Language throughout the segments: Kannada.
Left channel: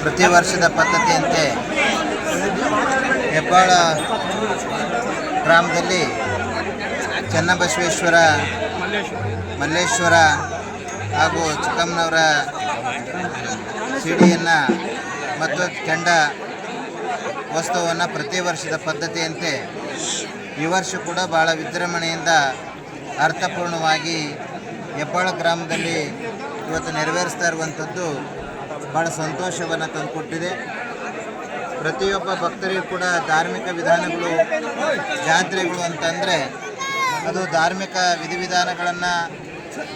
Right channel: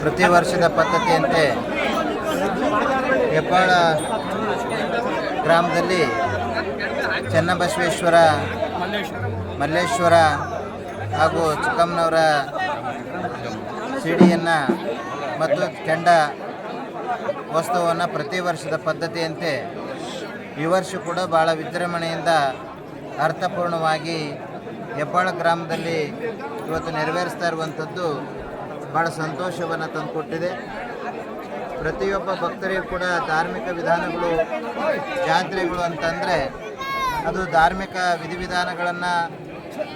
ಪ್ರತಿ ವರ್ಷದ ಪದ್ಧತಿಯಂತೆ ಹೆಬ್ಬಾಳ ಗ್ರಾಮದಲ್ಲಿ ಚನ್ನಬಸವೇಶ್ವರ, ಮಲ್ಲೇಶ್ವರ ಹಾಗೂ ಚಿಕ್ಕಮ್ಮನವರ ಸಿಡಿಯನ್ನು ಮತ್ತು ಕೆಂಡ ವಸ್ತುವನ್ನು ಪ್ರತಿ ವರ್ಷದ ಪದ್ಧತಿಯಂತೆ ಈ ವರ್ಷ ಕೂಡ ಭಾಳ ವಿಜೃಂಭಣೆಯಿಂದ ಅರ್ಥಪೂರ್ಣವಾಗಿ ಹೆಬ್ಬಾಳ ಗ್ರಾಮದಲ್ಲಿ ಇವತ್ತು ನೆರವೇರಿಸ್ತಾ ಇರುವಂಥದ್ದು ಭಾಳ ಸಂತೋಷವನ್ನು ತಂದುಕೊಟ್ಟಿದೆ. ಪ್ರತಿಯೊಬ್ಬ ಭಕ್ತರಿಗೂ ಕೂಡ ಧಾರ್ಮಿಕ ವಿಧಾನಗಳು, ಜಾತ್ರೆಗಳು ಅಂತಂದರೆ ಅದು ಧಾರ್ಮಿಕ ವಿಧಿವಿಧಾನಗಳನ್ನು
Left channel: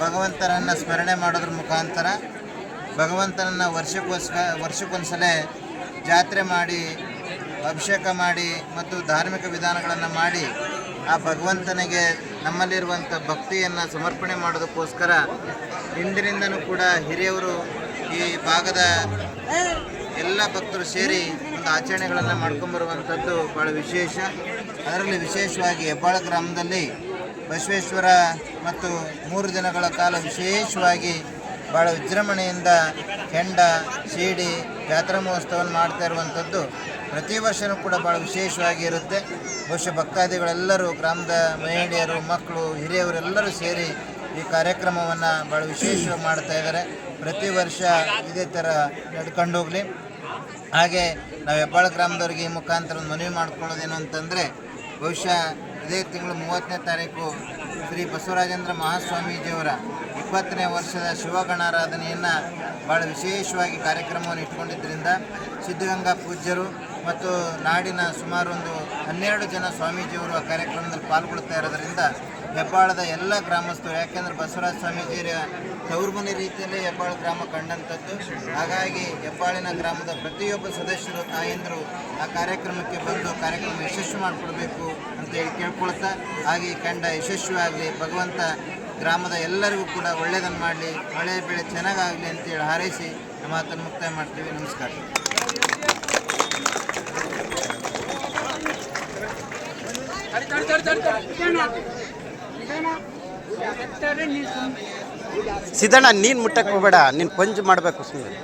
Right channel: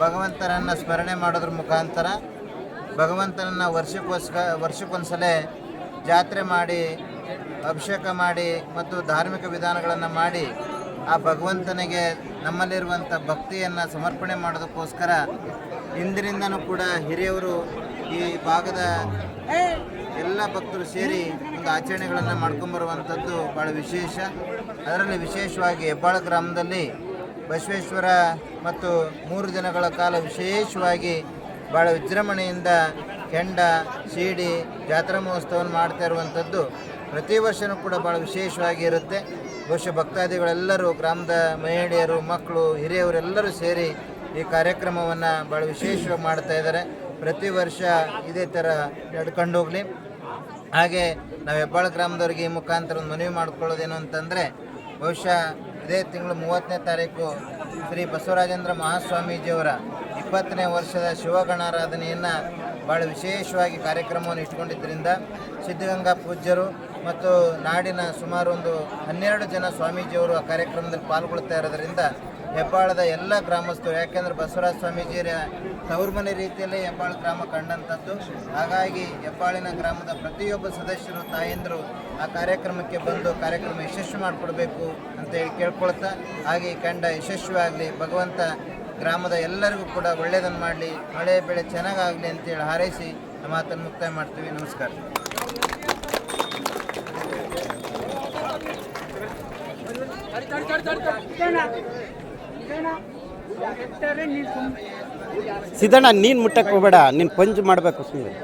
ಭಗವಂತನನ್ನು ಸ್ಮರಣೆ ಮಾಡೋದ್ರ ಮುಖಾಂತರ ಭಗವಂತನನ್ನು ವರ್ಷಕ್ಕೊಂದ್ಸಲ ಜಾತ್ರೆ ಮಾಡಿ, ಅಭಿಷೇಕ ಮಾಡಿ ಮತ್ತು ಧಾರ್ಮಿಕ ವಿಧಾನಗಳನ್ನು ಮಾಡಿ ಆ ಭಗವಂತನಿಗೆ ನಮ್ಮಲ್ಲಿರುವಂಥ ಭಕ್ತಿಯನ್ನು ಸಮರ್ಪಣೆ ಮಾಡೋದಕ್ಕೋಸ್ಕರ ಹಿಂದಿನಿಂದನೂ ಕೂಡ ಹಿರಿಯವರು ಈ ಭಾಗದ ಎಲ್ಲ ಭಕ್ತರು ಸೇರಿ ಒಂದು ಆಚರಣೆಗಳನ್ನು ಮಾಡ್ಕೊಂಬರುವಂಥದ್ದು ಭಾಳ ವಿಶೇಷ. ಅದರಲ್ಲಿ ವಿಶೇಷವಾಗಿ ಹೆಬ್ಬಾಳ ಗ್ರಾಮದಲ್ಲಿ ಬಸವೇಶ್ವರ ಮತ್ತು 3 ದಿನಗಳ ಕಾಲ ವಿಶೇಷವಾಗಿ ಭಾಳ ವಿಜೃಂಭಣೆಯಿಂದ ಕೆಂಡ, ಸೀಡಿ, ಜಾತ್ರಾ ಮಹೋತ್ಸವವನ್ನು ಮಾಡ್ತಾ ಇರುವಂಥದ್ದು ಪ್ರತಿ ವರ್ಷವೂ ಕೂಡ ಭಾಳ ವಿಶೇಷವಾಗಿ ಇರುತ್ತೆ. ಬಹುಶಃ ಭಕ್ತಾದಿಗಳೆಲ್ಲರೂ, ಗ್ರಾಮದ ಮಹಿಳೆಯರು, ಮಕ್ಕಳು, ಹಿರಿಯವರೆಲ್ಲರೂ ಸೇರಿ ಈ ಕಾರ್ಯಕ್ರಮವನ್ನು ಭಾಳ ವಿಶೇಷವಾಗಿ ಮಾಡ್ತಾ ಇದ್ದಾರೆ. ಪ್ರತಿ ವರ್ಷ ಇದೇ ಥರ ನಡ್ಕೊಂಡು ಹೋಗಲಿ. ಹಾಗೆ ನಾವು ಹೆಬ್ಬಾಳ ಗ್ರಾಮದವ್ರಿಗೆ ಈ ಮುಖಾಂತರ ಒಂದು ಮನವಿ ಮಾಡ್ಕೊಳ್ಳೋದೇನು ಅಂತಂದರೆ, ಬಹುಶಃ ಇದೇ ತಿಂಗಳು 30ನೇ ತಾರೀಕು ಶ್ರೀ ಬಸವರಾಜೇಂದ್ರ ಮಹಾಸ್ವಾಮೀಜಿಯವರ 20ನೇ ವರ್ಷದ ಶಿವಗಣಾರಾಧನೆಯನ್ನು ಭಾಳ ವಿಶೇಷವಾಗಿ ಕಾರ್ಯಕ್ರಮವನ್ನು ಇಟ್ಕೊಂಡಿದ್ದರಿಂದ ಸಿದ್ಧಗಂಗಾ ಪೂಜ್ಯರು ಮತ್ತು ನಾಡಿನ ಸುಮಾರು ಒಂದು 12 ಜನ ಸ್ವಾಮೀಜಿಯವರು ಆ ಕಾರ್ಯಕ್ರಮದಲ್ಲಿ ಪಾಲ್ಗೊಳ್ತಾ ಇರೋದರಿಂದ ಹೆಬ್ಬಾಳದ ಎಲ್ಲ ಗ್ರಾಮಸ್ಥರು, ಯಾಕೆಂದರೆ ಬಸವರಾಜ ಸ್ವಾಮೀಜಿಯ ತವರು ಮನೆ ರೀತಿಯಲ್ಲೇ ಹೆಬ್ಬಾಳ ಗ್ರಾಮ ಕಂಡಂಥದ್ದು. ಹಾಗಾಗಿ ಹೆಬ್ಬಾಳಿನ ಗ್ರಾಮದ ಪ್ರತಿಯೊಬ್ಬ ಸದಸ್ಯರು, ತಾಯಂದರು ಆ ಕಾರ್ಯಕ್ರಮಕ್ಕೆ ಬಂದು ಕಾರ್ಯಕ್ರಮ ಯಶಸ್ವಿ ಮಾಡಿಕೊಡ್ಬೇಕು ಅಂತೇಳಿ ಕೇಳ್ಕೊಳ್ತಾ, ಹಾಗೆ ಈ ಕಂಡ ಯಶಸ್ವಿಯಾಗಲಿ, ಭಗವಂತ ಗ್ರಾಮದ ಎಲ್ಲರಿಗೂ ಕೂಡ ಒಳ್ಳೆಯದನ್ನು ಮಾಡಲಿ, ಮಳೆ ಬೆಳೆ ಚೆನ್ನಾಗಾಗಲಿ ಅಂತೇಳಿ ಹಾರೈಸಿ ನಮ್ಮ ಮಾತನ್ನು ಮುಕ್ತಾಯ ಮಾಡ್ತೀವಿ. ನಮಸ್ಕಾರ. ಸಿದ್ದಣ್ಣ, ನೀನು ಮುಟ್ಟಕ್ಕೆ ಹೋಗಬೇಡ, ನೀನು ಪಂಚ್ ಮಾಡಬೇಕು ಸುಮ್ಮನೆ.